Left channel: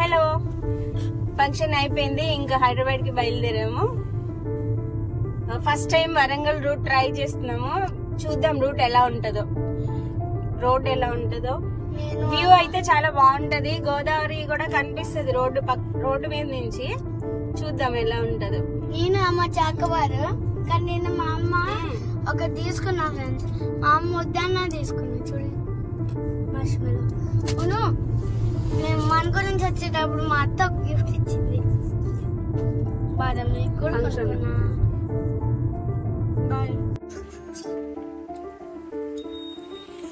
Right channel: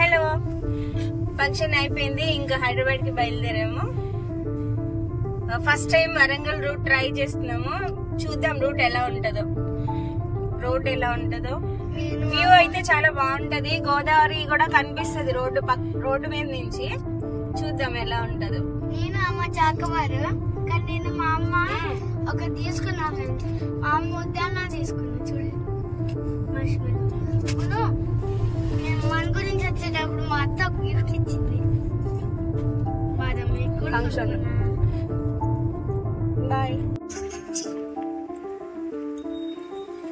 Hello, function అయిపోయింది. ఇంకా హైదరాబాద్ కి బయలుదేరాము. First time Warangal route try చేస్తున్నాము. చూద్దాం రూట్ ఎలా ఉంటుందో, రోడ్ ఎలా ఉంటుందో. వ్యూ అయితే చాలా బాగుంటది. గోదావరి కూడా కనిపిస్తుంది రోడ్డు మీద నుంచి. చూద్దాం ఎలా ఉంటుందో. నేను అమ్మ చాకవారు, కానీ నేను మా అమ్మ ఒక తీసుకున్నా ఫ్రెండ్స్. మా అమ్మ ఉద్యాన తీసుకున్నా చూడు. నేను మన గురించి వచ్చేటప్పుడు మా అత్త గిఫ్ట్ ఇచ్చింది. బాదం బాయ్.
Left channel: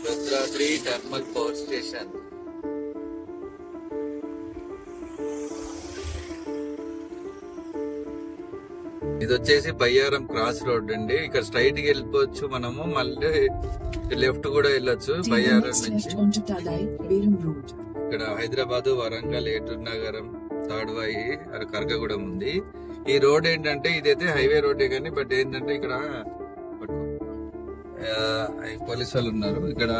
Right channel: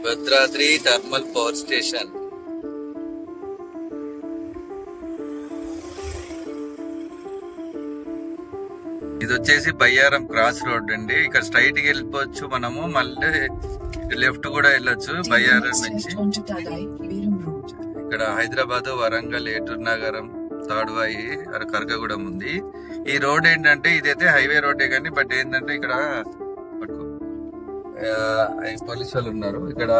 Bhadradri thermal power station. ఇది వచ్చేసి బయ్యారం క్రాస్ రోడ్ అండి. ఇక్కడ స్ట్రైట్ కి వెళ్ళిపోవచ్చు మనము, మళ్ళీ లెఫ్ట్ కూడా వెళ్ళొచ్చు బయ్యారం నుంచి. ఇక్కడ హైదరాబాద్, వరంగల్, ఏటూరు నగరం, తాడ్వాయి, కరకగూడెం ఉంది. ఈ రోడ్ ఏంటంటే ఇదైతే హైవే రోడ్డే కానీ బట్ ఏంటంటే ఇక్కడ పోలీసు వాళ్ళు ఉన్నారు. ఇక్కడ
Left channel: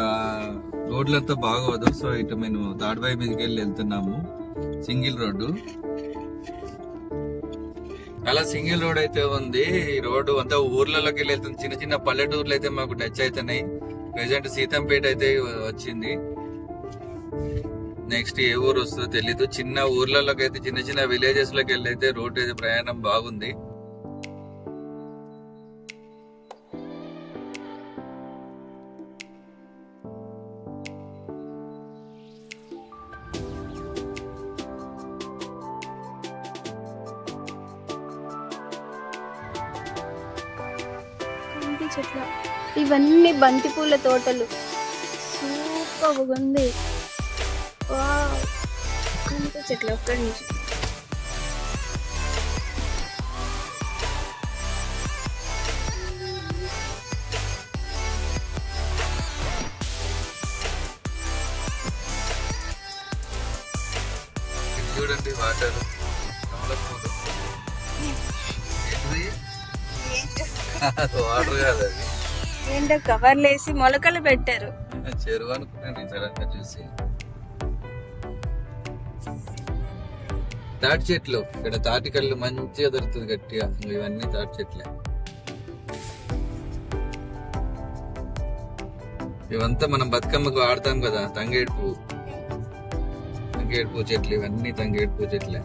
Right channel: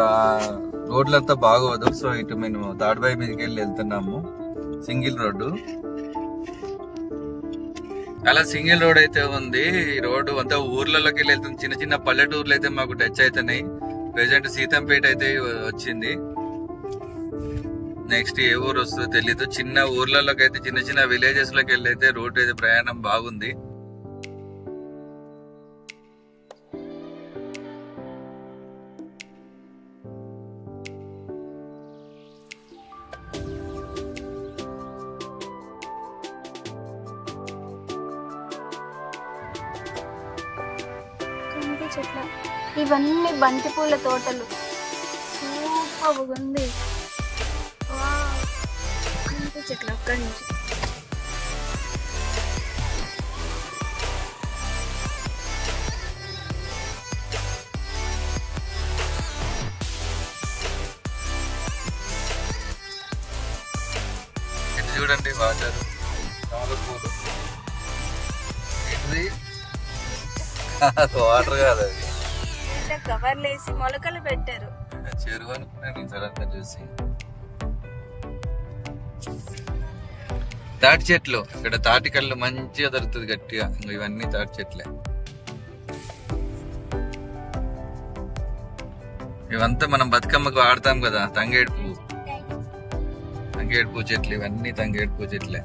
రోడ్లంతా బాగోదు. సో ఇటు మేము తాడ్వాయి మీదకి వెళ్ళి వెళ్తున్నాము. సింగిల్ రోడ్డు, అలా సింగిల్ రోడ్ అయితే ఉంది. ఈ రోడ్డు అంతా ఊర్లలోకి వెళ్ళి వెళ్తుంది. చిన్న చిన్న పల్లెటూర్లు అయితే మాకు టచ్ అవుతున్నాయి. ప్రెసెంట్ సీతంపేట అయితే వచ్చింది. నెక్స్ట్ ఏ ఊరు వస్తుందో తెలీదు. చిన్న ఊర్లలోకి అయితే, చిన్న చిన్న విలేజెస్ లోకి వెళ్ళి అయితే రోడ్డు అయితే ప్రయాణం బాగుంది. చెట్ల ఇవన్నీ బంతిపూల తోటలు. సూపర్ ఉంది. చెట్లు అక్కడి నుంచి చూడండి వాటర్. వాటర్ కాదు అది, ఏంటో కవర్లు వేసి మొలకలు పెట్టారు. చెరువు అనుకున్నాను సడన్ గా చూసి. తాటి చెట్లు, ఇక్కడ తాటి కళ్ళు మంచిగా దొరుకుతుంది గట్టిగా. ఇవన్నీ తాటి చెట్లే. ఇవంతా మనం బతుకమ్మకు వాడతాం కదా, తంగేడు పువ్వు. తంగేడు పువ్వు చెట్లు, ఇవన్నీ తంగేడు పువ్వు చెట్లే.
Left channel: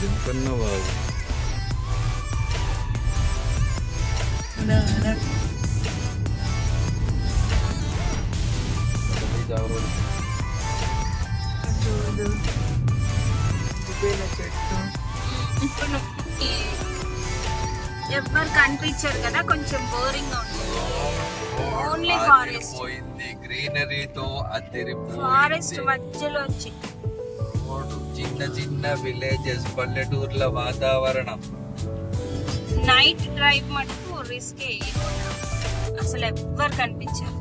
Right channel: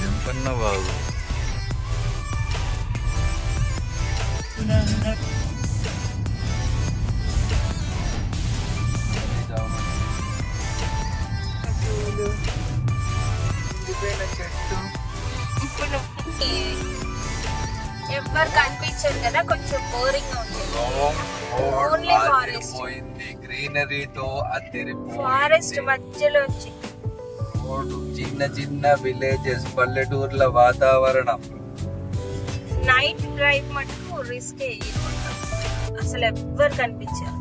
జంపన్న బాబు. ఎవ్వరు కనిపించారు కదా, కొంచెం బోరింగ్ గా ఉంది. ఓన్లీ ఫారెస్ట్, గ్రీనరీతో ఫారెస్ట్ మధ్యలో వచ్చి చిన్న చిన్న విలేజెస్, పల్లెటూర్ల వాతావరణం. నైట్ డ్రైవ్ మటుకు రిస్కే. అసలు ఎవ్వరు కనిపించారు.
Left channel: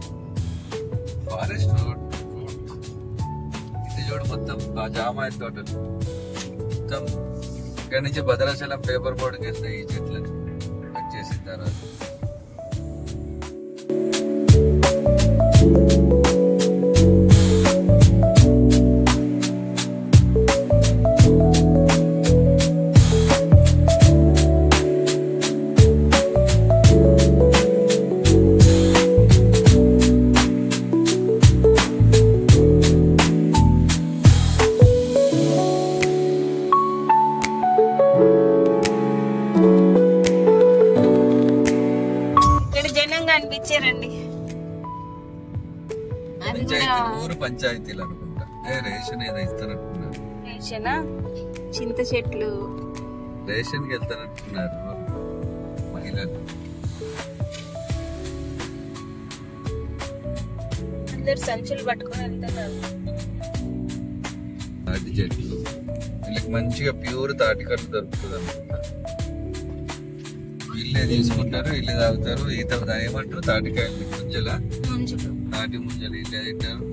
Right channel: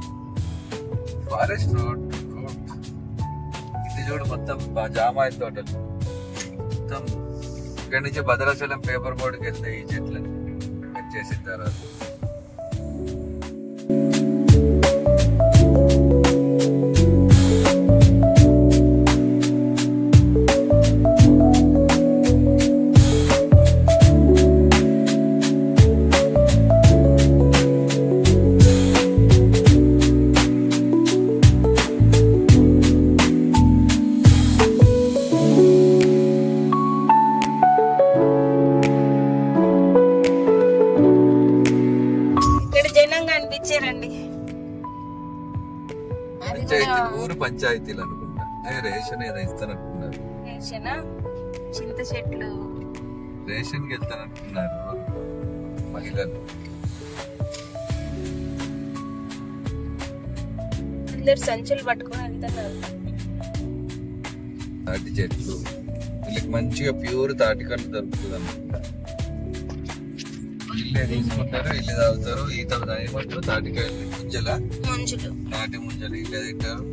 ఫారెస్ట్ రోడ్ ఇది చూడు, మొత్తం జామాయి తోటలు. మొత్తం ఇక్కడి నుంచి భద్రాచలం పేపర్ బోర్డుకి వెళ్తే ఈ చెట్లని కట్ చేసిన తర్వాత కనిపించారండి. ఊరు పంచాయతీలు అనుకుంటా. రేషన్ ఏదో ఇస్తానంటున్నారు. రేషనా? చింత చెట్లు. రేషన్ కి వెళ్తానంటున్నారు మహిళలు. అందరు సంచులు పట్టుకొని వెళ్తున్నారు. తాటి చెట్లు, వీళ్ళకి మంచిగా ప్యూర్ తాటికల్లు దొరుకుతుంది అనుకుంటా. వీళ్ళే తీసుకుంటారు, వీళ్ళు తాగుతారు. ఈత ఏమంటారు తాటికాయలు ముంజల ముంజులు, నాటి ముంజలు వీళ్ళే తింటారు.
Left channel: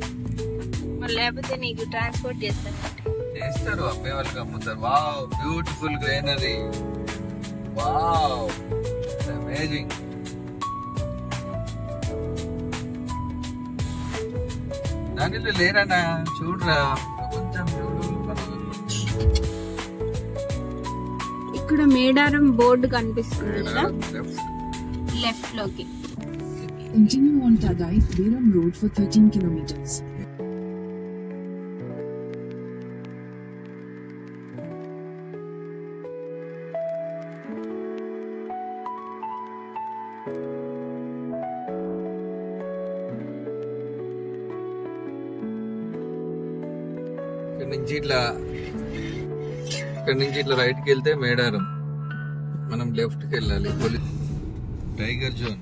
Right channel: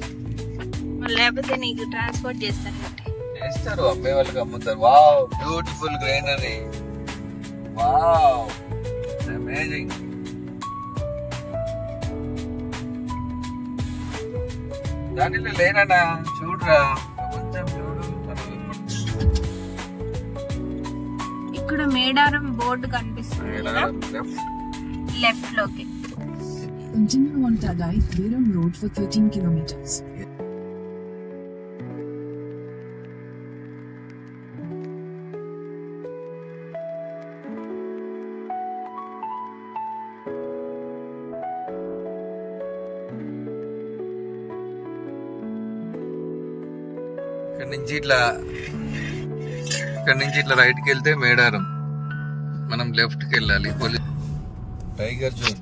లేకపోతే నీకు ట్రాన్స్పోర్ట్ చేస్తారు, అమ్మే వాళ్ళకి అమ్ముతారు. Wow, beautiful greenery, wow, amazing. దానిలో లేరనా చూడరా, కొంచెం చూడు. ఇక్కడ మేడారం బోర్డు కనిపిస్తుంది కదా లెఫ్ట్ లోకి. Continue on Tagai Veeram Road for 13 kilometers. ఇక్కడ నుంచి ఇట్లా రైట్ కి వెళ్తే మేడారం, మనం లెఫ్ట్ కి వెళ్ళాలి. టైగర్ జోన్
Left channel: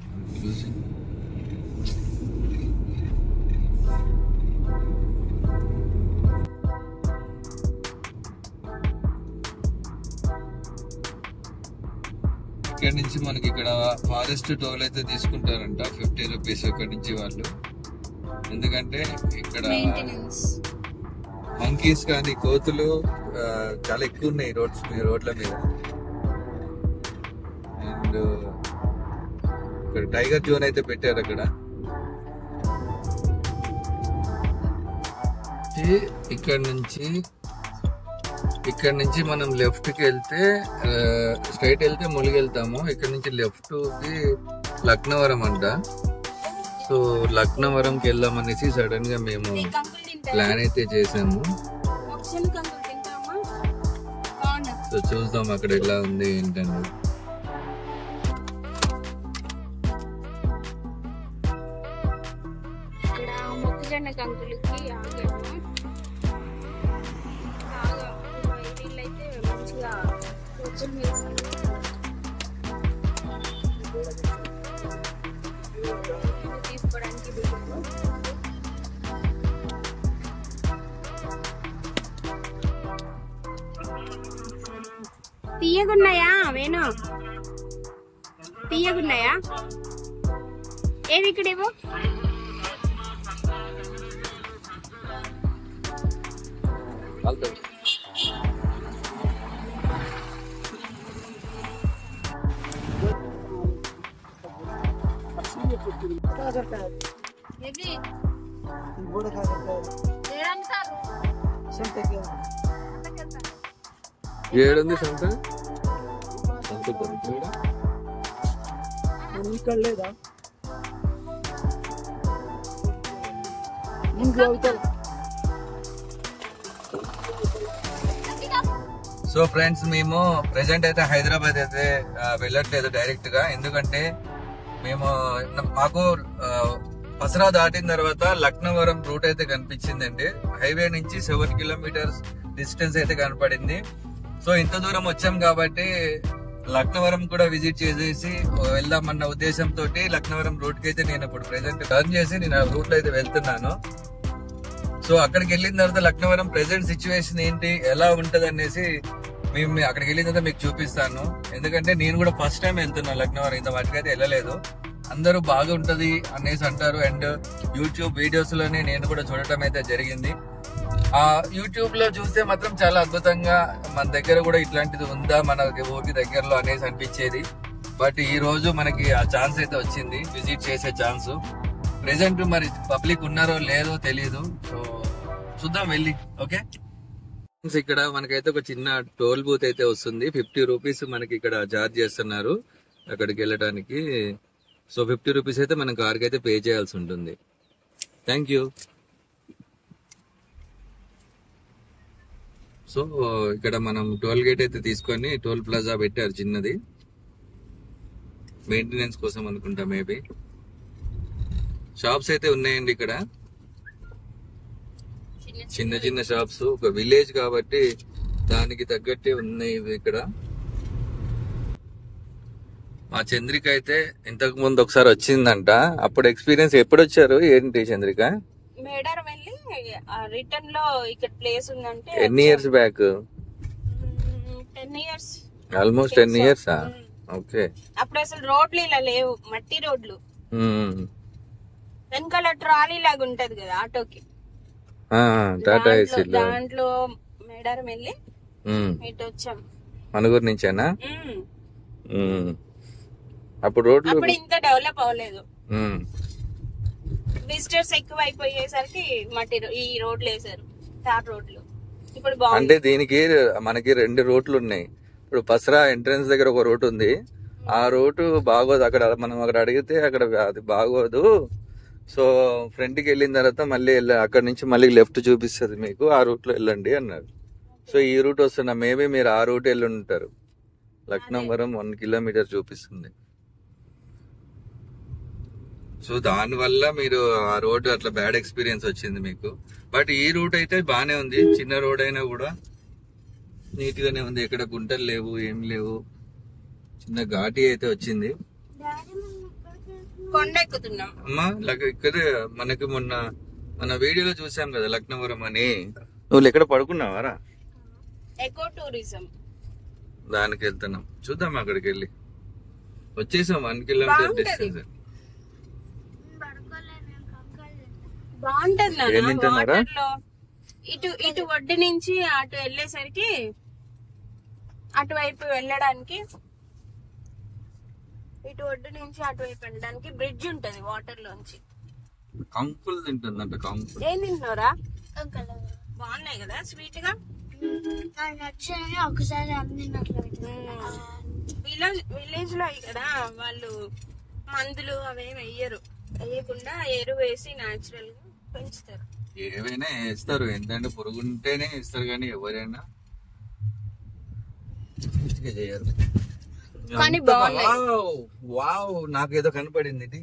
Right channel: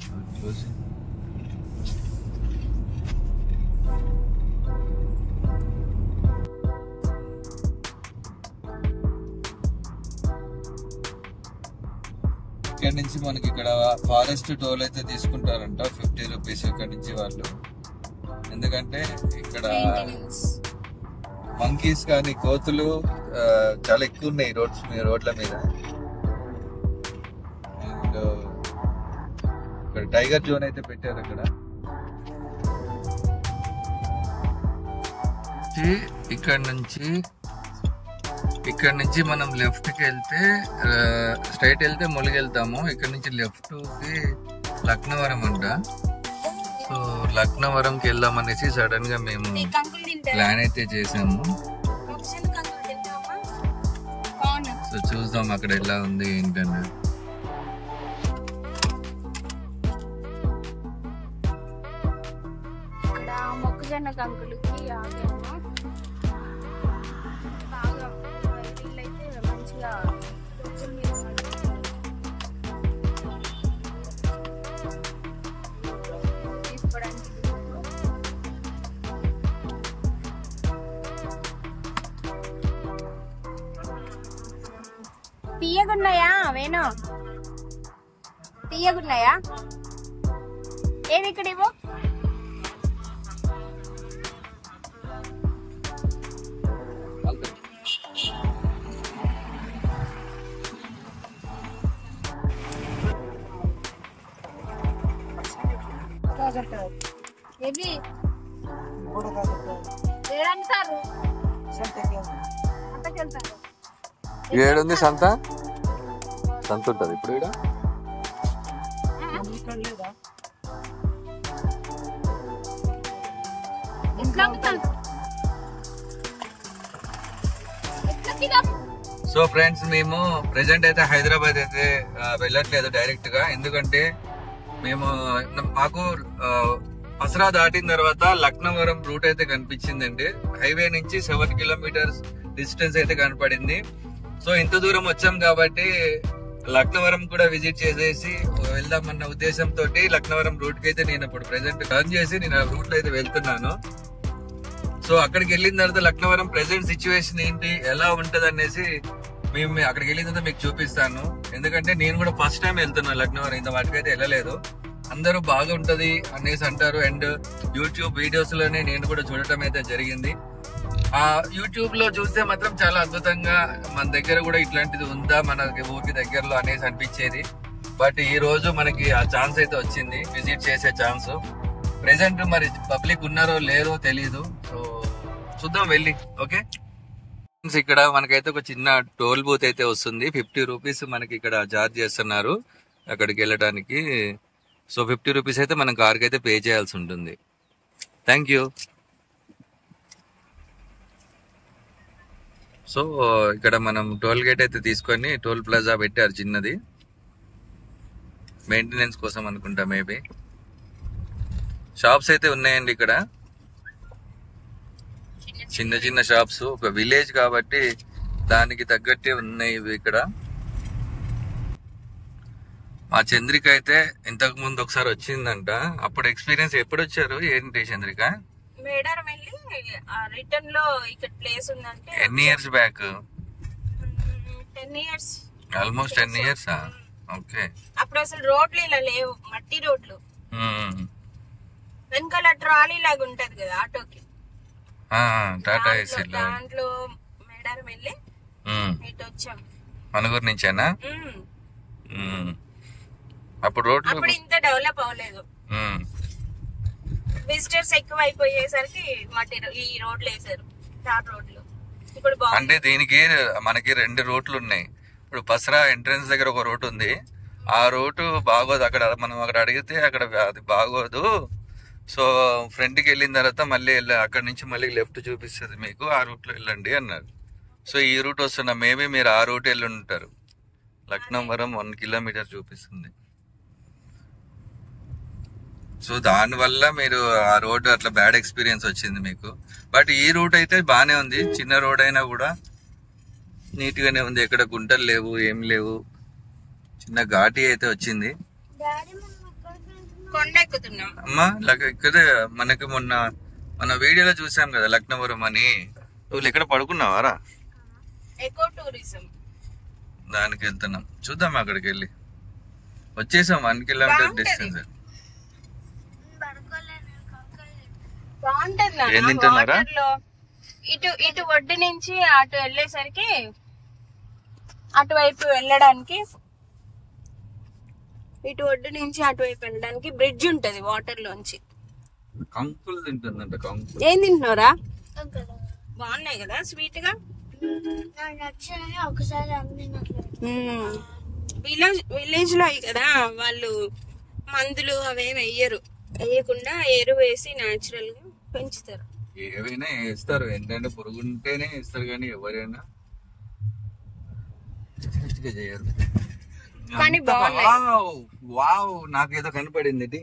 ఇక్కడ నుంచి మనకి ఇక్కడ ఫారెస్ట్ టోల్ అయితే తీసుకుంటారంట 50 రూపీస్ ఇక్కడ నుంచి వాళ్ళు. ఎందుకంటే ఇక్కడ మంకీస్ కానీ కోతులు చాలా ఎక్కువ ఉన్నాయి రోడ్ల మీద. అండ్ ఇక్కడ టైగర్ జోన్ అయితే పెట్టారు. ఇక్కడ నుంచి మనం లెఫ్ట్ కి వెళ్తే స్ట్రైట్ వెళ్తే ములిగెళ్తాము. ఇక్కడ నుంచి లెఫ్ట్ కి లక్నవరం అంట. సో లక్నవరంకి వెళ్దాం అనేసి సడన్ గా మేము ప్లాన్ అయితే చేసాము. సో చూద్దాం అక్కడ ఎలా ఉంది ఏంటన్నది. ఇక్కడ మొక్కజొన్న కంకులకి ఆగాము. బాగా వీళ్ళైతే మంచిగా రోజుల మీద తీసుకోవడానికి తీయగున్నాయా వేణు, తీయగున్నాయా? ఏది ఇక్కడ ఇవ్వు. ఏడుంది సంత? సంత ఉంటుంది ఇప్పుడు ఇక్కడ లేదా? సో ఫ్రెండ్స్, మేము ప్రెసెంట్ అయితే హైదరాబాద్ అయితే వెళ్ళట్లేదు డైరెక్ట్ గా. ఎందుకంటే మాకు పసరా దాటిన తర్వాత లక్నవరం రూట్ అయితే కనిపించిందండి. హైవే నుంచి 7 కిలోమీటర్స్ డిస్టెన్స్ అయితే కనపడింది. సో ఇంత దూరం వచ్చాం కాబట్టి లక్నవరం కూడా విజిట్ చేసేసి వెళ్దామన్న ఉద్దేశంతో లక్నవరం రూట్ కి అయితే నేను ఇప్పుడు ప్రెసెంట్ టర్న్ చేసి నేను ఆ రూట్ లో అయితే వెళ్తున్నాను. సో అక్కడికి వెళ్ళిన తర్వాత లక్నవరం ప్రెసెంట్ సిచ్యువేషన్ ఏంటి, ఎలా ఉంటది అనేసి మేము అక్కడికి వెళ్ళిన తర్వాత మీకు చూపిస్తాను. ఎందుకంటే నేను కూడా ఫస్ట్ టైం వెళ్తున్నా లక్నవరం, ఇంత మటుకైతే వెళ్ళలేదు. అందరూ బాగుంటది అనేసి అంటారు. అండ్ యూట్యూబ్ వీడియోస్ లోనే నేను కూడా చూడటం అయితే జరిగింది. ఆ యూట్యూబ్ లో చూస్తే మాత్రం చాలా అద్భుతంగా మన దగ్గర కూడా ఇట్లాంటిది ఉందా మన ఊరికి దగ్గరలో అనేసి అనిపించేది. బట్ ఈ రోజు మనకి ఆ ఛాన్స్ అయితే వచ్చింది, విజిట్ చేసే ఛాన్స్. ప్రెసెంట్ మరి పబ్లిక్ ఉన్నారో లేదో తెలీదు. సో చూద్దాం వెళ్ళి. ఓకే, ఇక్కడ మనకైతే ఒక చిన్న టోల్ బూత్ అయితే వస్తుంది. 50 రూపీస్ మనకి ఇక్కడ చార్జ్ చేస్తున్నారు అక్కడికి వెళ్ళడానికి. సో 50 రూపీస్ అయితే మనం కార్కి అయితే పే చేయాల్సి ఉంటుంది. Thank you. సో ఇక్కడ మనం టోల్ గేట్ అయితే తీసుకొని టోల్ ప్లాజా పెట్టారు చిన్నది, మెయింటెనెన్స్ కోసం అనుకుంటా. మేబీ షాప్స్ అయితే ఉన్నాయండి ఇక్కడ, చిన్న చిన్న షాప్స్. ఒక విలేజ్ కాబట్టి దానికి తగ్గట్టే ఉన్నాయి ఇవి ఇక్కడ. మా చంద్రిక అయితే ఇంతకు ముందు ఒకసారి వచ్చిందంట. అప్పుడు ఎక్స్పీరియన్స్ ఎప్పుడు వచ్చారు ఏంటి చంద్రిక? మేడారం వెళ్ళి రిటర్న్ లో ఇక్కడ ప్లేస్ ఉందంటే. ఎన్ని years back? 10 years. Almost 10 years. Okay. అప్పుడు అసలు రోడ్లు ఇలా లేవు, మట్టి రోడ్లు. వెనకాల ట్రాలీ లాగా ఉంటది కదా ఆటోకి, టాటా ఏసీ దాంట్లో మేడారం వెళ్ళి ఇటు వచ్చాం. మనుగురు నుంచేనా? అప్పుడు రోడ్లు అప్పుడు ఇంత డెవలప్ అవ్వలేదు. విజిటర్స్ ఎక్కువ అయిపోయేసరికి మట్టి ఈ రోడ్లు వేసారు, టాప్ రోడ్లు. ఇప్పుడు అంటే దీనికి మనకి 2 రోడ్లు ఉన్నాయి. ఇప్పుడు పసరా ఎంట్రన్స్ దగ్గర ఒక రోడ్ ఉంది, ఆ రోడ్డు బాగోదు. మనం అక్కడ అడిగితే అక్కడ అది బాగోదు, సో ఫ్రంట్ కి వెళ్ళిన తర్వాత మళ్ళీ అక్కడ నుంచి మళ్ళీ లెఫ్ట్ చూపిస్తుంది మీకు, ఆ రూట్ లో వెళ్ళండి అన్నారు. సో ఈ రూట్ వస్తున్నా, మేబీ మీరు ఆ రూట్ వెళ్ళి ఉంటారు. లక్నవరం 1 కిలోమీటర్ చూపిస్తుంది. సో దాని వల్ల మీరు ఆ రోడ్ అట్లా బ్యాడ్ ఎక్స్పీరియన్స్ వచ్చింది మీకు. బట్ ఈ రూట్ అయితే బానే ఉంది, చిన్న రోడ్ అయినా కూడా నీట్ గానే ఉంది. ఎక్కడ గుంటలు లేవు, ఏం లేవు. చిన్న ఘాటి అయితే వచ్చింది. కొండ ఎక్కుతున్నాం అమ్మా. ఇక్కడ మనకి మన వీడియోలో చూసాం కదా లక్నవరం అని. నువ్వు ఎక్కడ పడుకున్నావారా? ఎకో టూరిజం దానికి వెళ్తున్నాం, చూద్దాం. అక్కడికి వెళ్ళి వచ్చేసాం 1 కిలోమీటర్ డిస్టెన్స్. బాగుంటది. ఏం తింటున్నారా? ఇటు ఒడ్డు నుంచి అటు వెళ్ళేసరికి అటువైపు వెళ్ళడానికి, ఇటు ఒడ్డు నుంచి అటువైపు వెళ్ళడానికి బ్రిడ్జ్ ఉంటది వాటర్ లోంచి. కంకులు తింటుందంట. కంకులు ఏం తింటున్నారా? బాగున్నాయి కదా, స్వీట్ గా. ఒకసారి విలేజ్ లో కదా వాళ్ళు మందులు అవేమి వేయరు, వేయకుండా ఎరువు వేసి న్యాచురల్ గా పెంచుతారు. ఏవైనా వేస్తారు, ఏంటంటే పురుగు ఉంటేనే వేస్తారు, కానీ ఎవరైనా చేయరు. కానీ వావ్, నాకు ఏదో కనపడింది.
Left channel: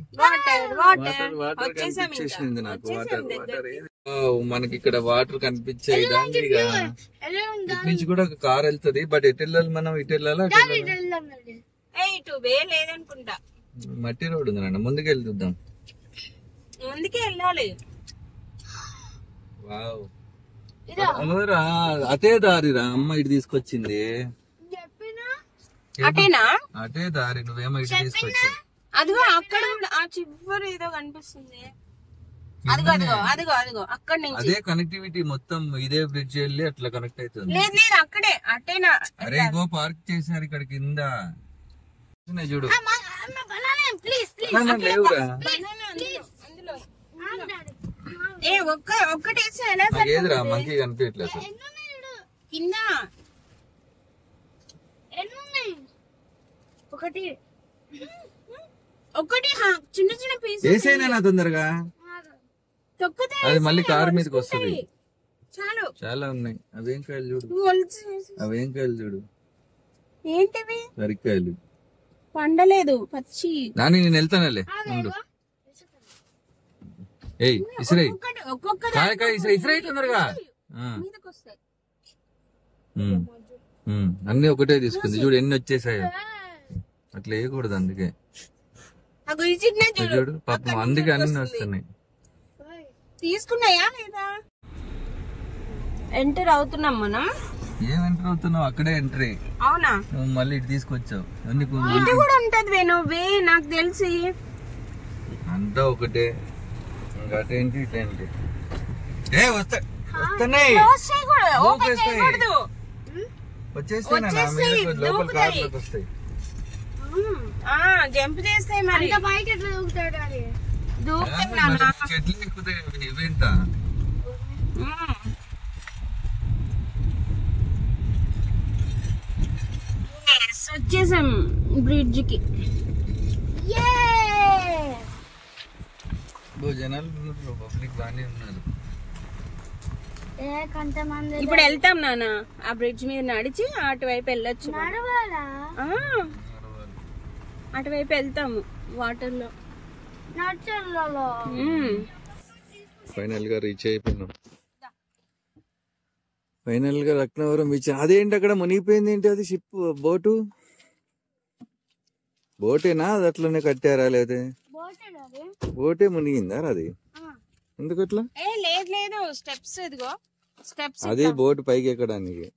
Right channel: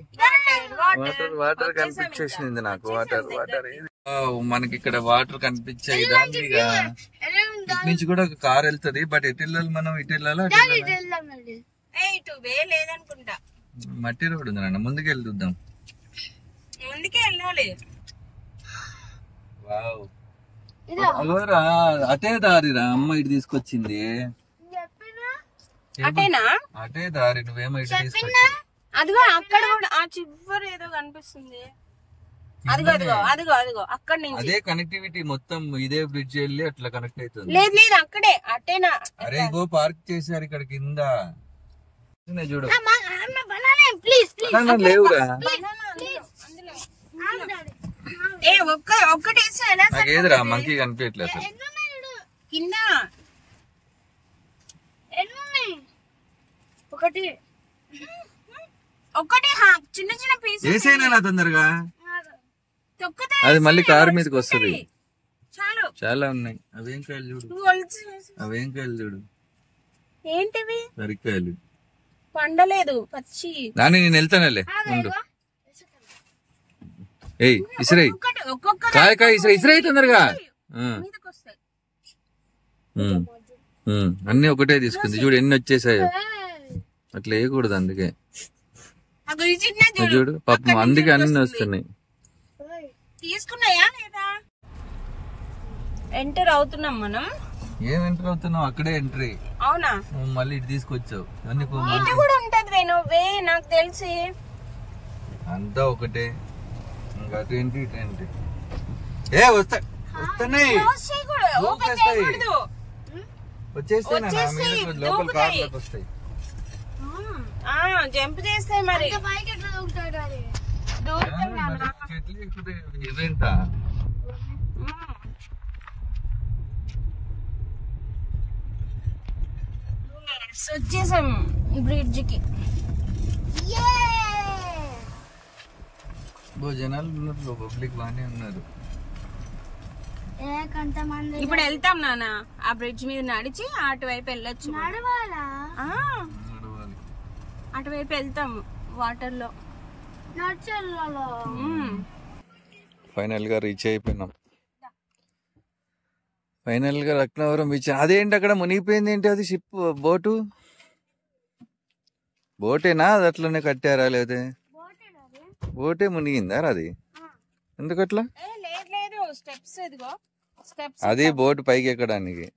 వాటర్ కనిపించేసింది నాకు. వాటర్ మనకి ఇక్కడ వాటర్ కనిపించాయి. దాని ఇటు నుంచి కూడా ఒక కార్ వెళ్తుంది. బట్ ఎటు వెళ్ళాలి మనం? ఇటు వెళ్ళాలా? ఇటు వే లేదనుకుంటా. మట్టి రోడ్ ఉంది నాన్న, ముందుకు వెళ్ళి చూద్దాం. ముందుకే వెళ్ళాలి. వావ్, అటే దారిరా అమ్మ ఇటు తీసుకొచ్చింది. అటేనా? అటే దారి, నువ్వేమో ఇటు తీసుకొచ్చి. అదిగో అక్కడ కూడా ఆ చివరి ఏదో కనిపిస్తుంది. అదిగో అదిగో అదిగో అదిగో అక్కడ నుంచి. అదే కనెక్టివిటీ మొత్తం, ఇదే బ్రిడ్జ్ వెళ్ళి అట్లా కనెక్ట్ అవుతుంది. లేదు లేదు, అక్కడే. అటేనా? అరే ఇగో పార్క్ చేశారు ఇక్కడ కింద, చూడు. లేవురా, ఒక్కటేసి ఎలా నాకేదిరా మంకీ కనిపించట్లేదు అసలు. కింద ఒకటి ఒకటి చిన్న చిన్న పీస్ వేసేనా తొందరగా. అది మళ్ళీ కారు మీదకి వస్తుంది. చాలు, చాలా ఉన్నాయి. అవేం కాయలు చూడు, అవేం కాయలు చూడు. ఏంటివి? సరికాయలు పండలేదు, పచ్చి. నాని నేను వెళ్తానులే, ఉండు. ఏయ్ ఇసురై, కాయ కాయ ఇసురై, ఇసురై తొందరగా. అన్ని ఒకటే తీసుకుంది చూడు, ఎన్ని వచ్చేసాయో. అట్లా వేయకూడదు, అందుకే చూడు పాపం, అందుకే అన్ని వస్తున్నాయి. తీసుకున్నాయా లేదా? ఎంటర్ అవుతున్నాం మనం. ఏం ఎంటర్ అవుతున్నావు? అక్కడే ఎంట్రీ. అవునా? నువ్వు మళ్ళీ ఇటు తీసుకొచ్చావు. ఇటు కూడా ఉంటది వే, నాకు తెలిసి. అంతా ఒకటే, ఇంకా అటేంటి ఇటేంటి. ఏ వస్తున్నాయి, వచ్చేస్తాయి, లోపల కార్లోకి వస్తాయి. జంప్ చేస్తాయి. మరి చెట్లు ఎక్కుతాయి ఇవేంట. వచ్చేసాం బ్రిడ్జ్ కి. జనాలు ఉన్నారు, పబ్లిక్ బాగానే ఉన్నారు. ఇప్పుడు వెళ్తాం నాన్న, ఆ బ్రిడ్జ్ మీద నడిచి అటువైపు వెళ్ళొచ్చు. అటువైపు వెళ్తాం వాటర్ లో. ఫైనల్ గా రీచ్ అయిపోయినాం. ఫైనల్ గా లక్నవరం బీచ్. అదేంటి అక్కడ మునిగిపోయింది? ఏంటి అది? షిప్, బోటు, బోటేనా? అది అట్లనే కట్టారా? లేదా బోటే మునిగిందా అది? ఎందుకట్లా? అది బోట్ పైకి ఎక్కడానికి.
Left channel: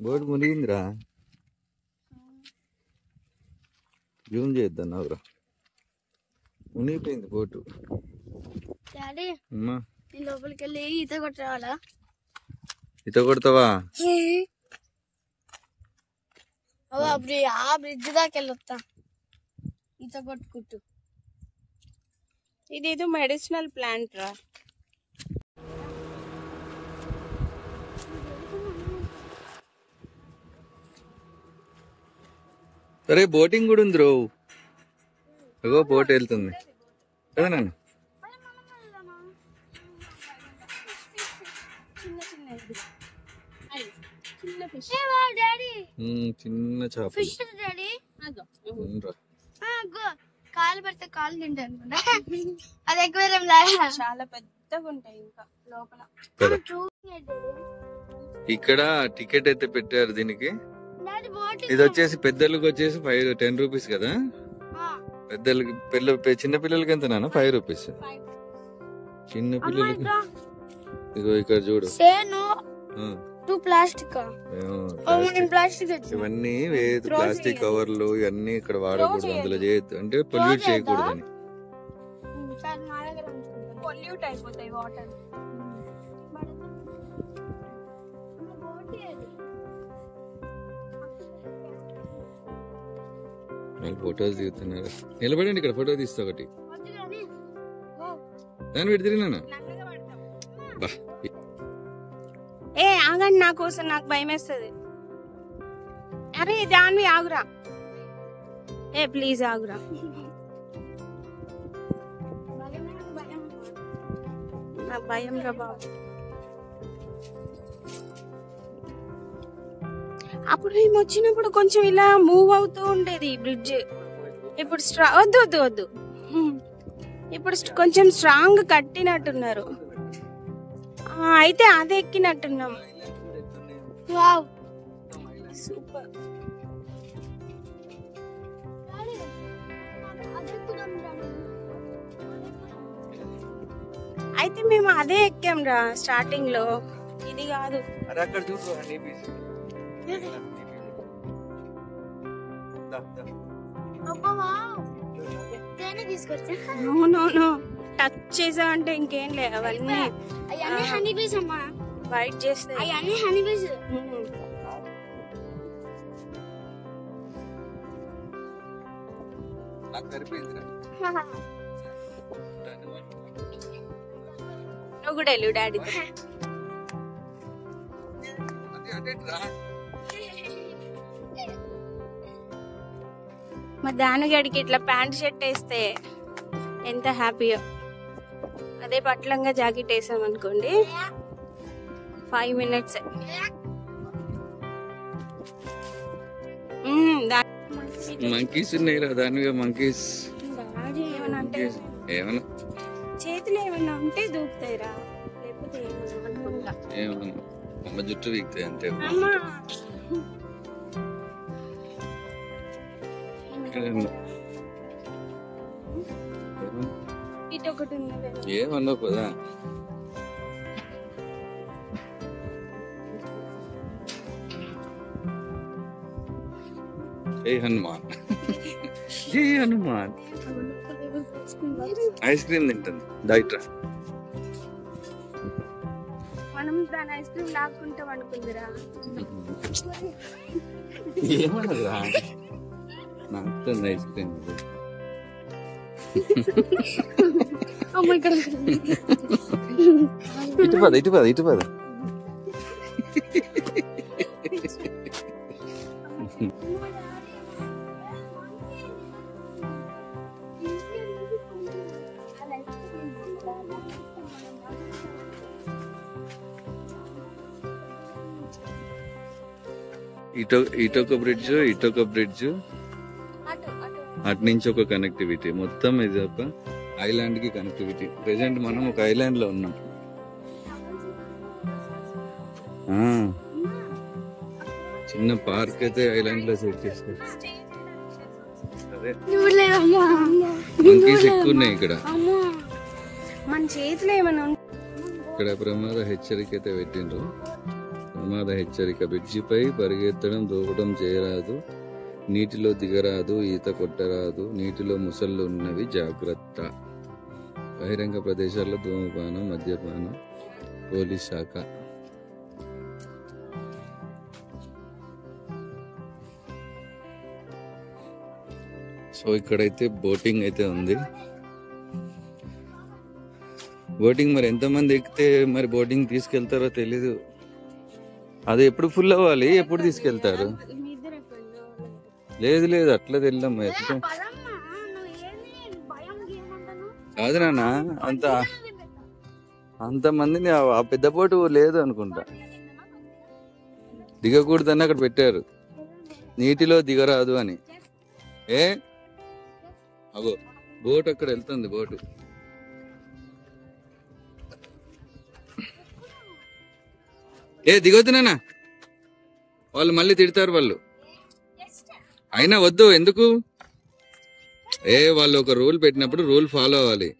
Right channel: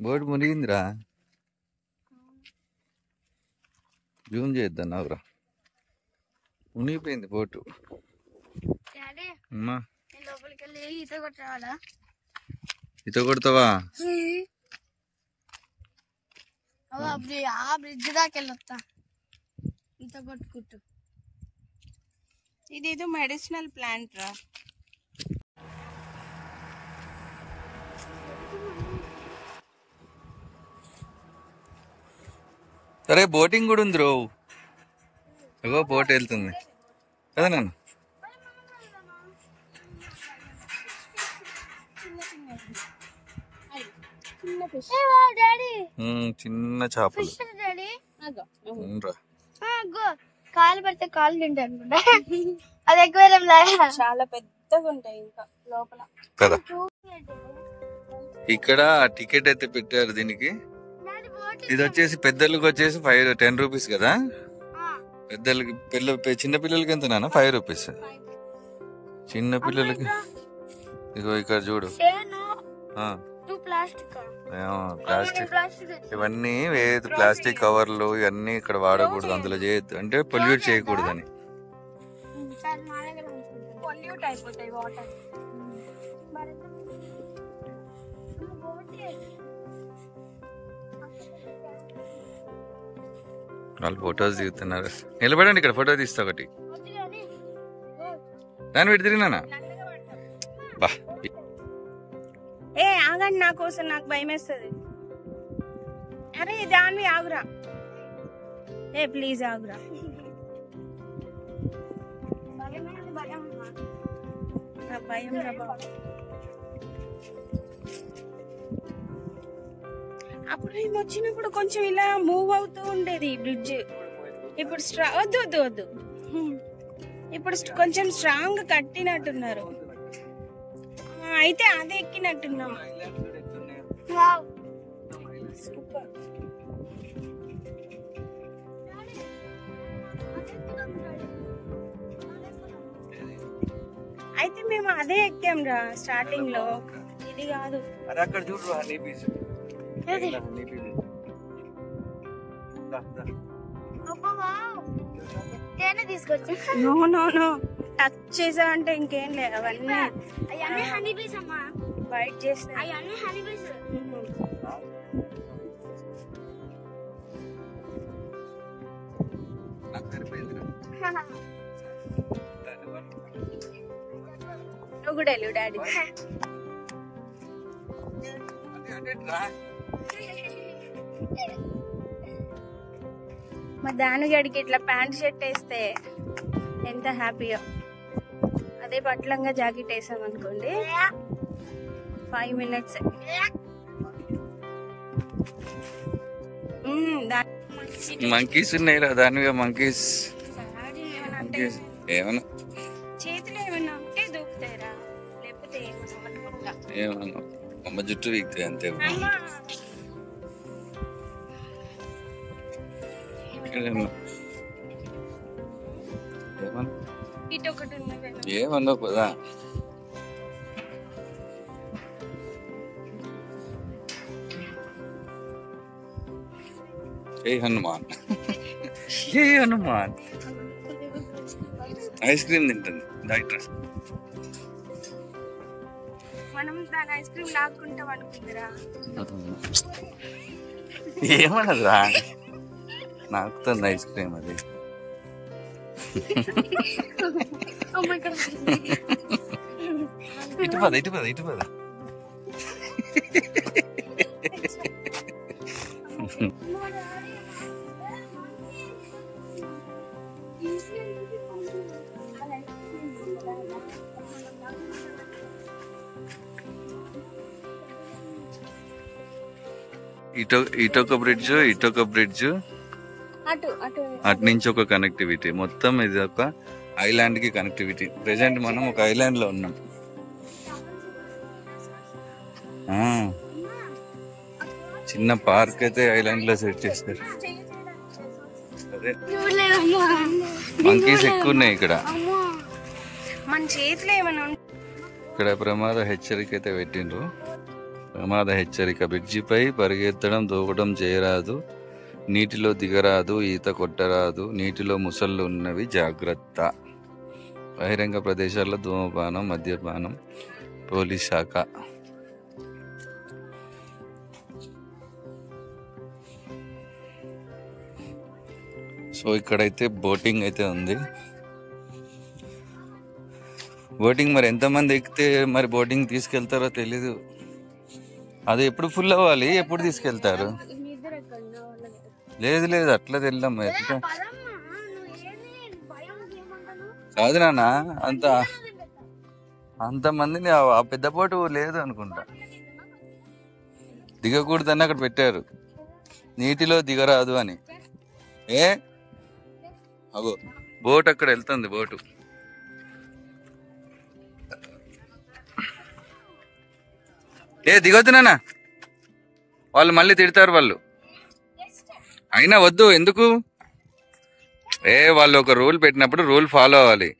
బోట్ మునిగిందిరా. జూమ్ చేద్దాం నావురా. మునిగిపోయింది బోటు. డాడీ అమ్మా నేను లోపలికి వెళ్ళి ఈత కొట్టి రావాలా? ఈత కొడతావా? ఆ బ్రిడ్జ్ దాకా వెళ్ళొస్తా ఈత కొట్టుకుంటూ. ఇదేదో మెడిసినల్ ప్లాంట్ రా. సరే బోటింగ్ కూడా ఉంది రో. అగో బోట్ వెళ్తుంది కదా నాన్న. చిన్న చేపలు కాలు పడితే కాలు తింటాను అది ఎక్కువ చాలా పెద్దగా ఉంటాయి ఇంకా లోపల కదా. ఇక్కడ టికెట్ అయితే పెట్టారు దీనికి. ఇది వచ్చేసి పెద్దలకు వచ్చేసి 10 రూపీస్ కదా. పెద్దలకి చిన్న పిల్లలకి ఎంత నాన్న? 5 రూపీస్. చిన్న పిల్లలకి ఇగో ఇక్కడ చూడు. ప్లాస్టిక్ ఇవన్నీ వేదు. ప్లాస్టిక్ కవర్లు ఇవన్నీ ఇక్కడ వాడకూడదు, అందులో చేయొద్దు, అంటే పొల్యూట్ చేయకూడదని. పొల్యూట్ అయిపోతాయి వాటర్. వాళ్ళు ఫొటోస్ దిగుతున్నారు. నిలబడండి, ఇక్కడ ఫోటో తీస్తా ఒకటి. దాన్ని పెట్టి తిరిగినా బా. ఏ ఆగండి, నా కోసం నాకు భయం వేస్తుంది. అరే దాన్ని ఆగురా. ఏ ప్లీజ్ ఆగురా. నాకు భయం రా బాబు. అప్పుడు మేము వచ్చినప్పుడు కొంచెం ఇలా మూవ్ అవుతూ ఉండేది బ్రిడ్జ్. ఇప్పుడు వద్దు వద్దు వద్దు. ఇప్పుడు కొంచెం స్ట్రాంగ్ కట్టినట్టున్నారు. అయితే అదే ఎక్కినట్టున్నాం. సూపర్. అయితే మేము అదే ఎక్కాం రా స్టార్టింగ్ లో, ఇది కాదు. తీసుకొచ్చి నో నో నో, టచ్ చేసావంటే ఇంకేం లేదు. అవన్నీ బైట్ చేస్తాయి. నువ్వు కూడా వెళ్ళు డాడీ. మా దానుగడికి ఇట్లా ప్యాంట్ షర్ట్ వేస్తే ఎంత హ్యాపీయో. అదే పట్లంగా జాకెట్ వేసాం అనుకోండి 5 minutes. మంకీస్ ఉన్నాయి రా దానిగా. మంకీస్ ఏమన్నా చేతులు ఏమైనా ఉంటే దూకుతాయిరా, లేకపోతే ఏమన్నా అమ్మ జుట్టు వీక్తాయి అంతే. ఏమన్నా పదా. ఏ హనుమాన్, ఏ హనుమాన్ ఐస్ క్రీమ్ తింటుంది. డాక్టర్ మనం దాని ఐస్ క్రీమ్ లాక్కుంటాం అనుకుందిరా. ఏమన్నదిరా? నాకుతుంది ఐస్ క్రీమ్ అది. ఇటు పద ఇటు పద ఇటు పద. ఇటొక బ్రిడ్జ్ అటు నుంచి ఒక కనెక్టివిటీ. మొత్తం ఇది ఒక ఐలాండ్ కి కనెక్టివిటీ. ప్రెసెంట్ మనం ఒక ఐలాండ్ లో ఉన్నాం. చిన్న పార్క్ అయితే ఐలాండ్ లో సెట్ చేస్తారు. అదే మంకీస్ ఎక్కువ ఉన్నాయి ఇక్కడ. మన చేతిలో ఏమైనా ఇక్కడ ప్రమాద హెచ్చరిక అయితే పెట్టిండ్రు. ప్రమాద హెచ్చరిక. బ్రిడ్జిపై పరిగెత్తడం, దూకడం చేయరాదు. నీటిలో దిగరాదు, ఈత కొట్టరాదు, నీటిలో ముసళ్ళు ఉన్నవి జాగ్రత్త. బహిరంగ ప్రదేశాల్లో ధూమపానం, మద్యపానం, పోలీస్ శాఖ. సో ఇక్కడైతే బోటింగ్ అయితే ఉంది. బోటింగ్ మరి ఎంతమంది ఎక్కితే మరి బోటింగ్ తీసుకెళ్తారో తెలీదు. అది ఎప్పుడు ఫుల్ అవ్వాలి, ఎప్పుడు తీసుకెళ్తారు? లేదు లేదు అట్లా తెల్లాం. ఎట్లా కాదు నాన్న, అంతమందిని ఆ పెద్ద బోటు లేదు అనుకుంటా. దిగకూడదని అక్కడ పెట్టారు, నీటిలో దిగరాదు అని. అగో బోట్ అక్కడ వెళ్తుంది. బోటు దిగొద్దు నాన్న, వాళ్ళు మళ్ళీ తిడతారు వాళ్ళు. అయినా వద్దు, ఎందుకు? వాళ్ళు ఒక రూల్ పెట్టినప్పుడు రూల్ ఫాలో అవ్వాలి.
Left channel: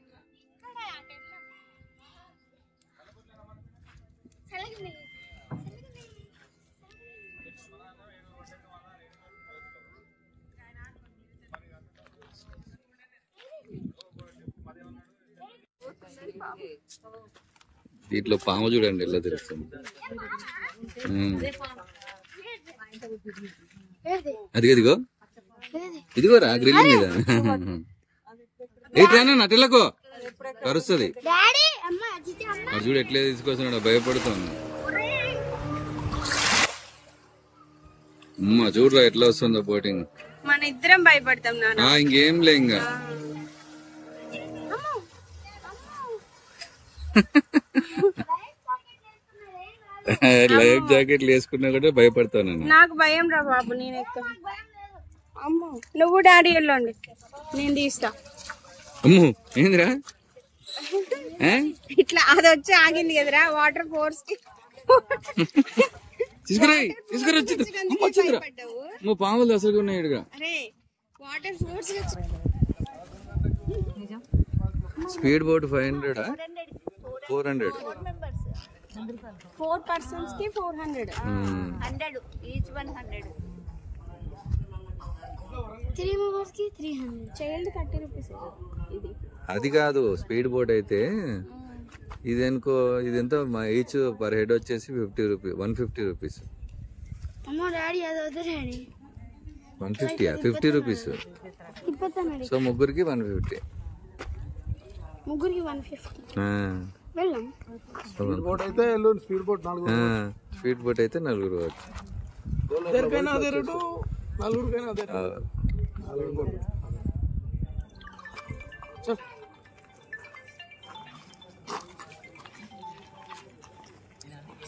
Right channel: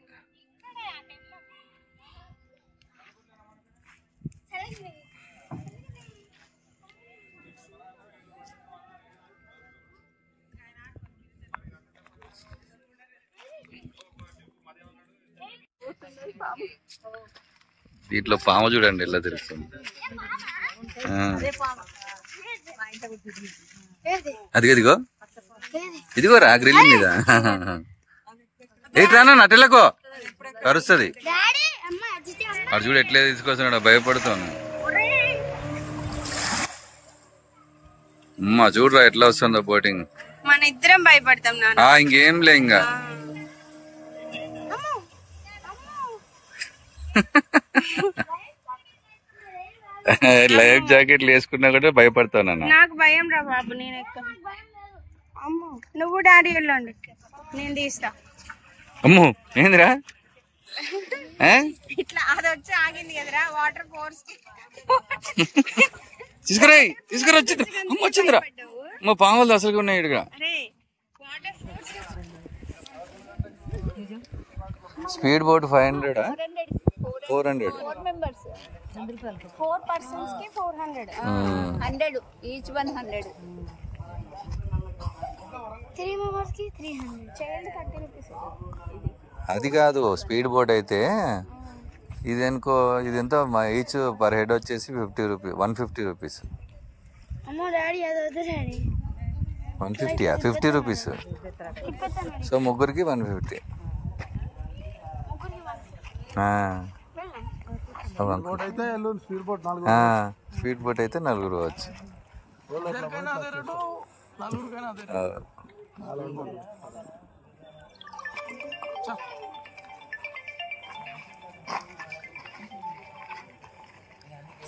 దీంట్లో పాము చూడండి ఎలా తెలుస్తుంది. అదిగో ఇదిగోరా గ్రిల్ మీద. ఏట్రానా నటెలకో కరుస్తుంది. అటు చూడు ఎట్లే తీసుకొస్తున్నాడు, భయపడుతాను. అమ్మా చూడరా ఎట్లా వస్తుందో బోటింగ్. మన ఇద్దరం భయపడతాం. ఇంకేం లే ఇంకా. లైఫ్ జాకెట్లు వేసుకున్నా కూడా భయపడతాను. నాకు భయం రా బాబు, నేను అమ్మో నువ్వు డాడీ వెళ్ళండి, నేను తీస్తా. అమ్మో ఏందిరా ఇట్లా అది వచ్చి ఆగింది కదరా వాటర్ ఫోర్స్ కి. తీసుకురా వచ్చింది. అమ్మ వచ్చిందిరా, అమ్మ పాములు అసలు ఉన్నాయి ఇటుగా. Speed boat 500, 400. 4 persons కి 400. 100 each 100. 3 members కి 300. Child 30 rupees. అది కాదు స్పీడ్ బోట్ అయితే. ఇది అనుకో, ఇది ఎంత ఈచ్ పర్ హెడ్ వచ్చేసి 50 రూపీస్, 150 రూపీస్. 150 50 రూపీస్. సో ముగ్గురికి 150. స్పీడ్ బోట్ అయితే నలుగురు వచ్చు.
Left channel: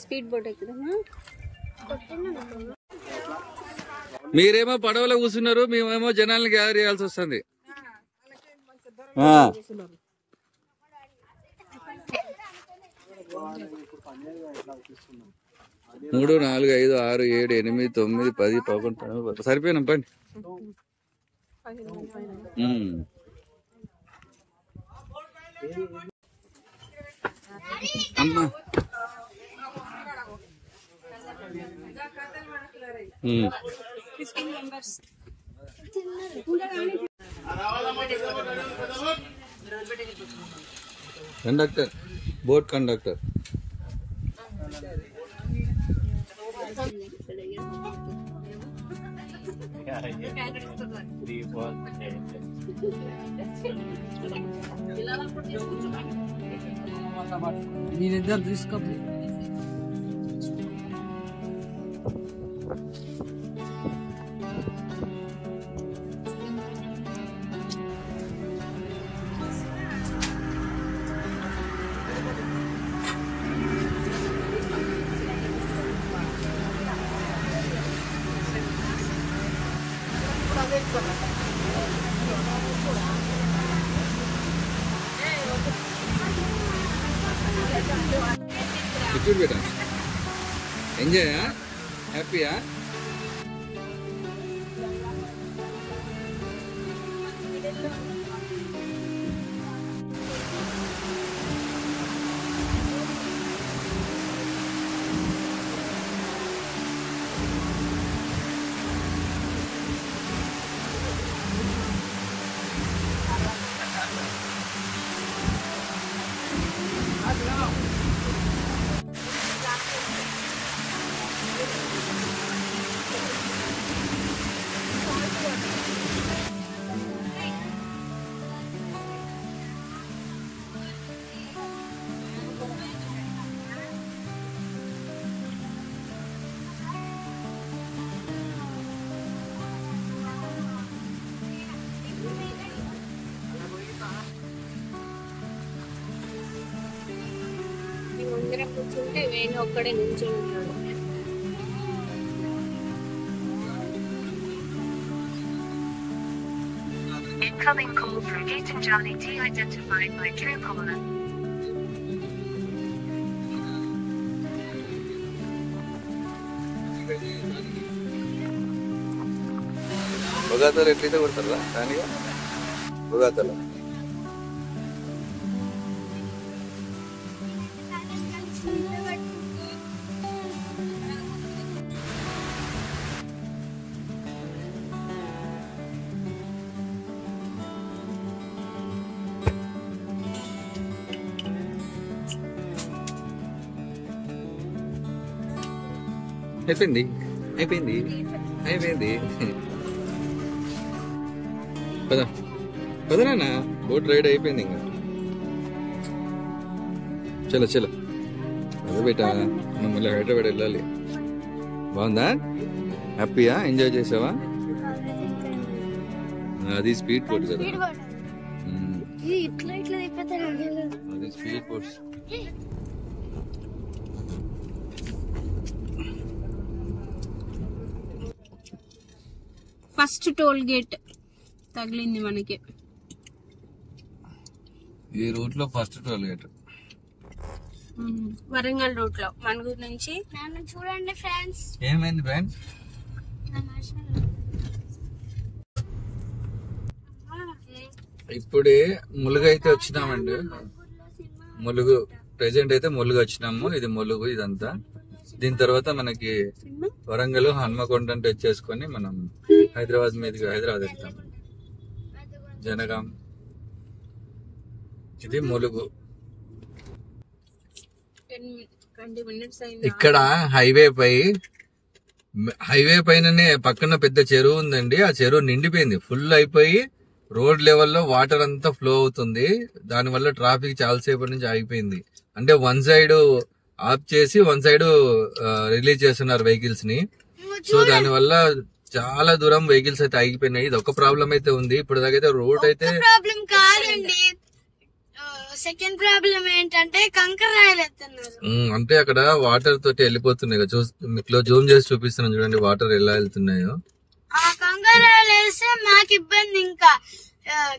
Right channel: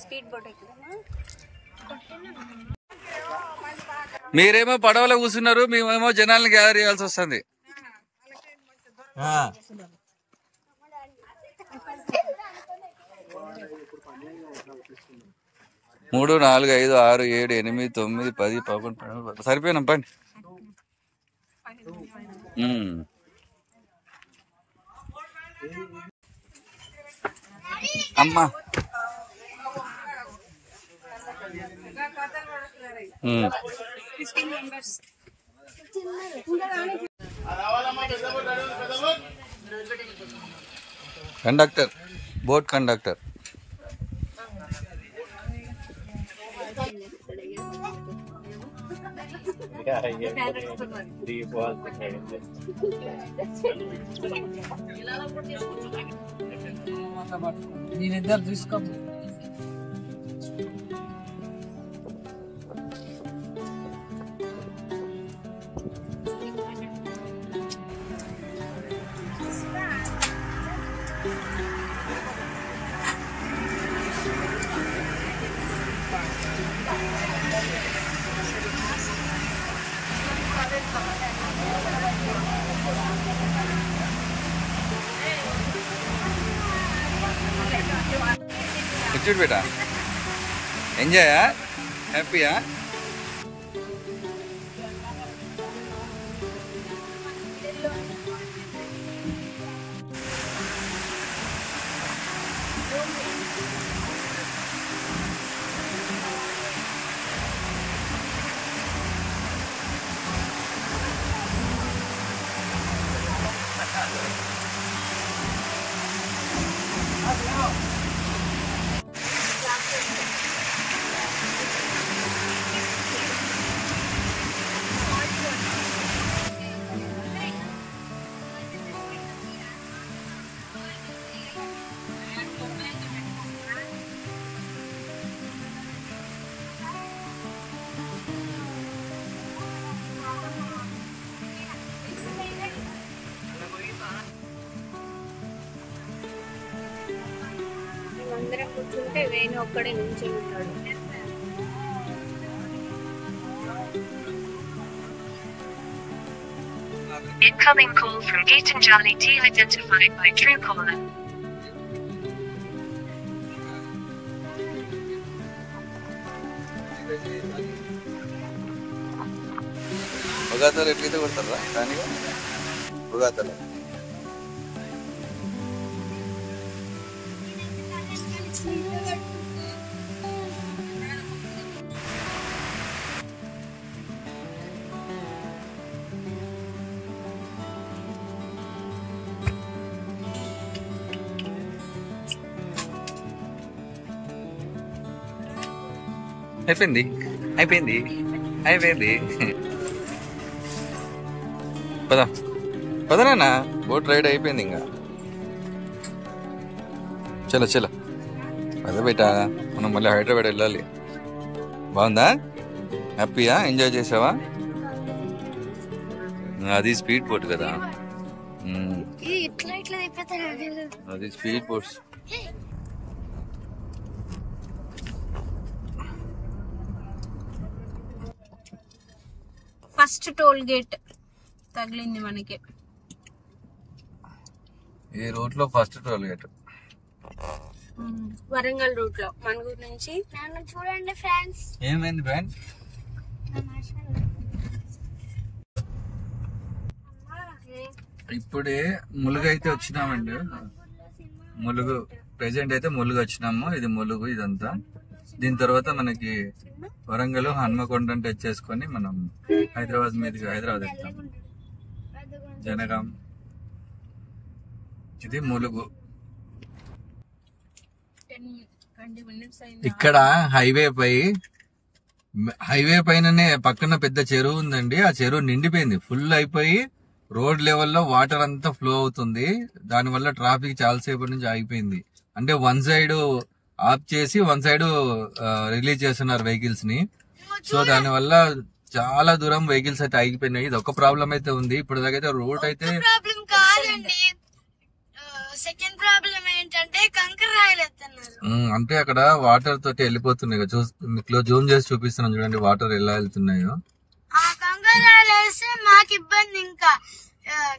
స్పీడ్ బోట్ ఎక్కుదామా? మీరేమో పడవలో కూర్చున్నారు, మేమేమో జనాలను గ్యాదర్ చేయాల్సి వస్తుంది. 3 4 5 6 7 8 9 10 11 12 సరిపోయినా పండి. అమ్మా కండక్టర్, బోట్ కండక్టర్. నేనిద్దరు తీసుకో. చూడు బేటా, ఎంజాయా, హ్యాపీయా? అందరం కూర్చుంటే వేణు ఒక్కడే నుంచి ఉంటాడు. Incoming call from Geetanjali de-identified by Truecaller. బొగాతలు ఎట్లయితే కొడతారా దానిగా బొగాతలు అయిపోయింది అయిపోయింది అయిపోయింది. పదా పదనా బోట్ రైడ్ అయిపోయింది ఇంకా. చలో చలో అదే బేటా, మనం మళ్ళీ హైదరాబాద్ వెళ్ళాలి. బాగుందా? హ్యాపీయా? ఎంజాయ్ చేసావా? అది స్పీడ్ బోట్ కదా, అది speed boats. First toll gate తగిలింది మనకి ఈ రూట్ లో. First toll gate Warangal route లో మనగూరు నుంచి. చూడండి ఫ్రెండ్స్, ఏమైంది బ్యాన్? ఇప్పుడే ములుగు అయితే వచ్చినామండి. ములుగు ప్రెసెంట్ అయితే ములుగు వచ్చినాము. ఇది ములుగు ఇదంతా. దీని తర్వాత మనకి వరంగల్ హన్మకొండ టచ్ చేసుకొని మనం హైదరాబాద్ మీదుగా హైదరాబాద్ వెళ్తాం. జనగాం, ఇది ములుగు. ఇక్కడ హైవే పైననే పక్కన పెద్ద చెరువు ఉందండి. ఆ చెరువు నిండిపోయింది, ఫుల్ అయిపోయి రోడ్ లెవెల్లో వాటర్ అంతా ఫ్లో అవుతుంది. దానివల్ల ట్రాఫిక్ చాలాసేపటి నుంచి ఆగిపోయింది. అంటే వన్ సైడ్ ఆఫ్ చేసి వన్ సైడ్ రిలీజ్ చేస్తున్నారు వెహికల్స్ ని. సో దానివల్ల చాలా దూరం వెహికల్స్ అయితే ఆగిపోయినాయి. ఇది ఒక ప్రాబ్లం అయితే ఉంది. ఇప్పుడు దాకైతే రోడ్ అయితే సెకండ్ ప్రాబ్లం ఏంటంటే కంకర రాయలు ఎత్తున్నారు. అంటే అక్కడ వాటర్ తోటి వెళ్ళిపోతున్నాయి. మీకు జూమ్ చేసి చూపిస్తున్నాను చూడండి వాటర్ ఎలా వెళ్తున్నాయో. ఆ కంకర రాయలు వేస్తే మాకు ఇబ్బంది. ఇంకా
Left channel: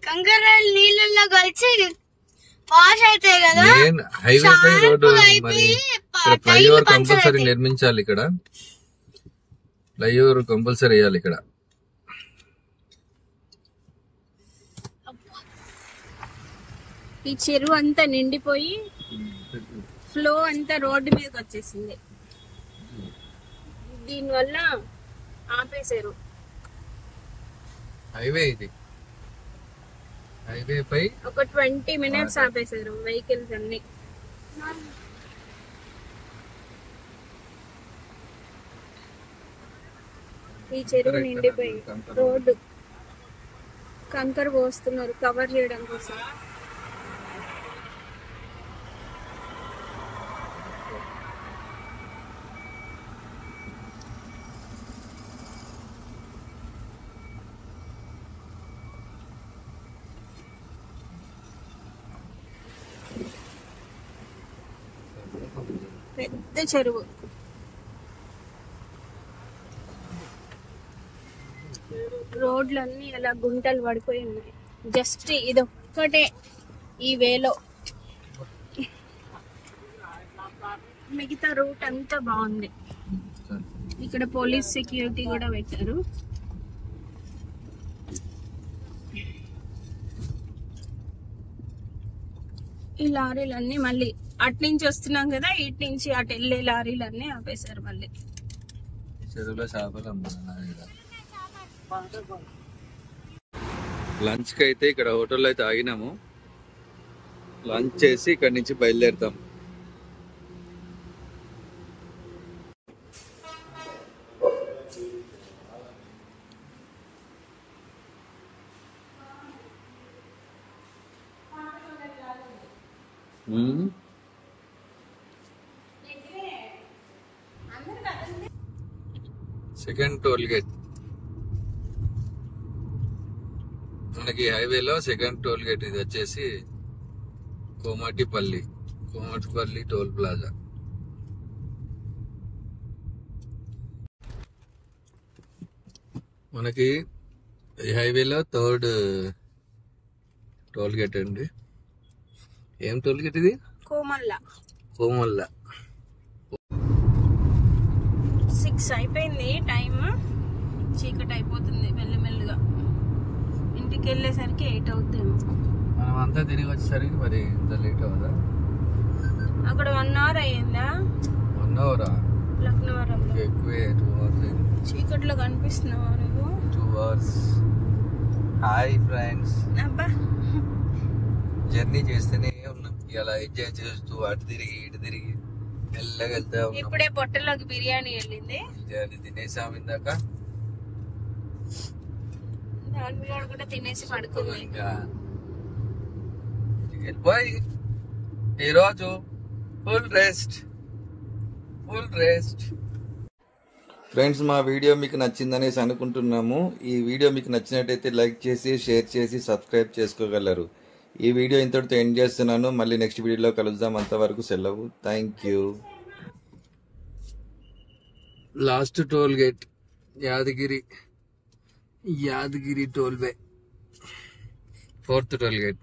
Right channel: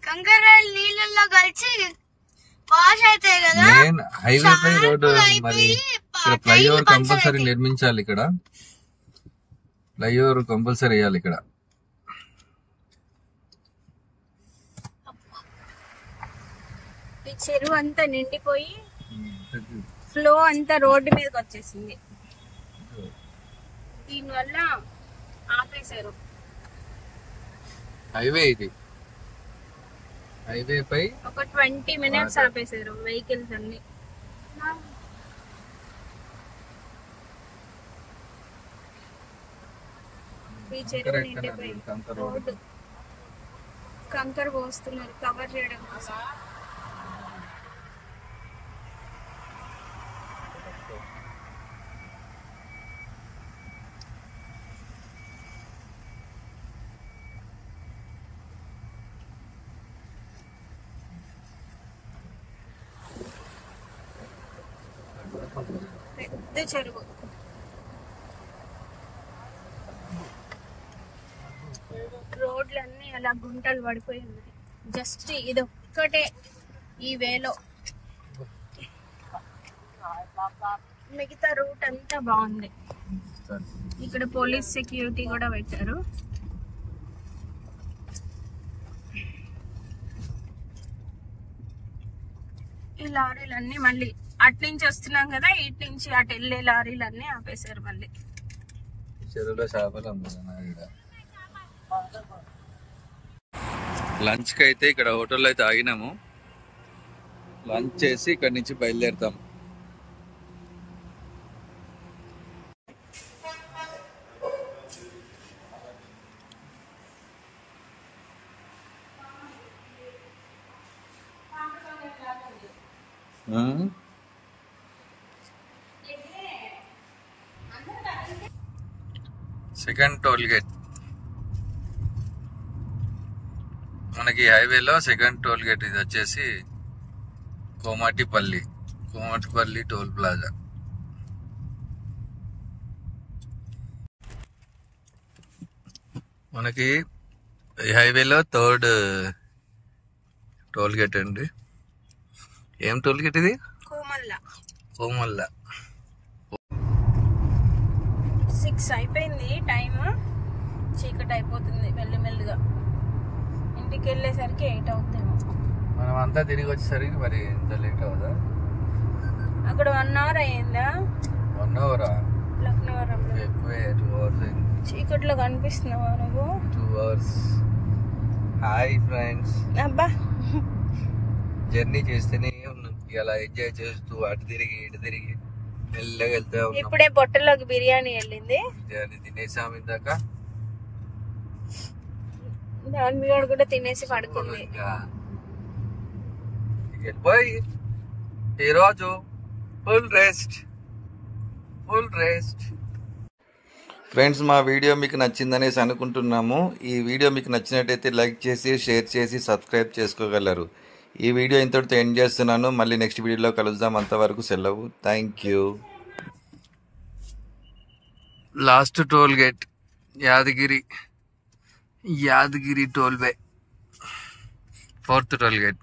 కంకర రాయలు నీళ్ళల్లో కలిసి వాష్ అవుతాయి కదా. మెయిన్ హైవే పై రోడ్డు మరి ఇక్కడ ఫ్లైఓవర్ కంపల్సరీ నిర్మించాలి. ఇక్కడ ఫ్లైఓవర్ కంపల్సరీ వేయాలి ఇక్కడ. ఈ చెరువు అంతా నిండిపోయి ఫ్లో అంతా రోడ్డు మీదకి వచ్చేసింది. దీనివల్ల ఆపేశారు. హైవే ఇది, హైవే పై ఒక 20 minutes ఆపేశారు వెహికల్స్ అన్ని. ఈ చెరువు నిండిపోయింది. రోడ్డు కంకర పోస్తున్నారు కవర్ చేయడం కోసం. పెద్ద చెరువు. రోడ్లన్నీ అలా గుంటలు పడిపోయి ఉన్నాయి. జస్ట్ ఇదొక్కటే ఈ వేలో, మిగతా రూట్ అంతా బాగుంది. ఇక్కడ పోలీస్ సెక్యూరిటీ కూడా పెట్టారు. ఈ లారీలన్నీ మళ్ళీ అటు నుంచి వస్తున్నాం కదా, ఇటు నుంచి అటు వెళ్ళే లారీలన్నీ ఆపేశారు. మళ్ళీ చెరువులో చేపలు లంచ్ కి అయితే ఇక్కడ హోటల్లో అయితే ఆగినాము. లంచ్ చేసి ఇక్కడ నుంచి బయలుదేరుతాం. సెకండ్ టోల్ గేట్ మనకి హైవేలో సెకండ్ టోల్ గేట్. ఇది వచ్చేసి కోమటిపల్లి. Komatipalli toll plaza. మనకి ఈ హైవేలో థర్డ్ టోల్ గేట్ అండి. ఏం టోల్ గేట్ ఇది? కోమల్ల. 6 అయిపోయింది టైం. చీకటి అయిపోతుంది మెల్లిమెల్లిగా. ఇంటికి వెళ్ళేసరికి 8 అవుతాము. మనం అంతా తిరిగి వచ్చేసరికి మరి ఎంత లేట్ అవుదా? అక్కడ 1 అవర్ అయ్యిందా? 1 అవరా? లక్నవరంలో ఎక్కువే 2 అవర్స్ అయింది. చీకట్లో కనిపిస్తున్నావా నువ్వు? 2 అవర్స్. Hi friends. అబ్బా జర్నీ చేస్తేనే ఉన్నాం, ఇలా ఎంజాయ్ చేస్తూ అటు తిరిగి ఇటు తిరిగి మెల్లగా వెళ్తే ఉన్నాం. ఇప్పుడే పొట్టలోకి బిర్యానీ వెళ్ళింది. బిర్యానీ తినేసాం ఇందాక. దాని మీద కూడా తినేసి పడుకుంది. ఇంకా వెళ్ళిపోయి ఈరోజు ఫుల్ రెస్ట్. ఫ్రెండ్స్, మా వీడియో మీకు నచ్చిందనేసి అనుకుంటున్నాము. ఈ వీడియో మీకు నచ్చినట్టయితే లైక్ చేసి షేర్ చేసి సబ్స్క్రైబ్ చేసుకోగలరు. ఈ వీడియో ఇంతటితో ఎండ్ చేస్తున్నాను. మళ్ళీ నెక్స్ట్ వీడియోలో కలుద్దాం. అంతవరకు సెలవు. Thank you. Last toll gate Yadagiri toll way, 4th toll gate.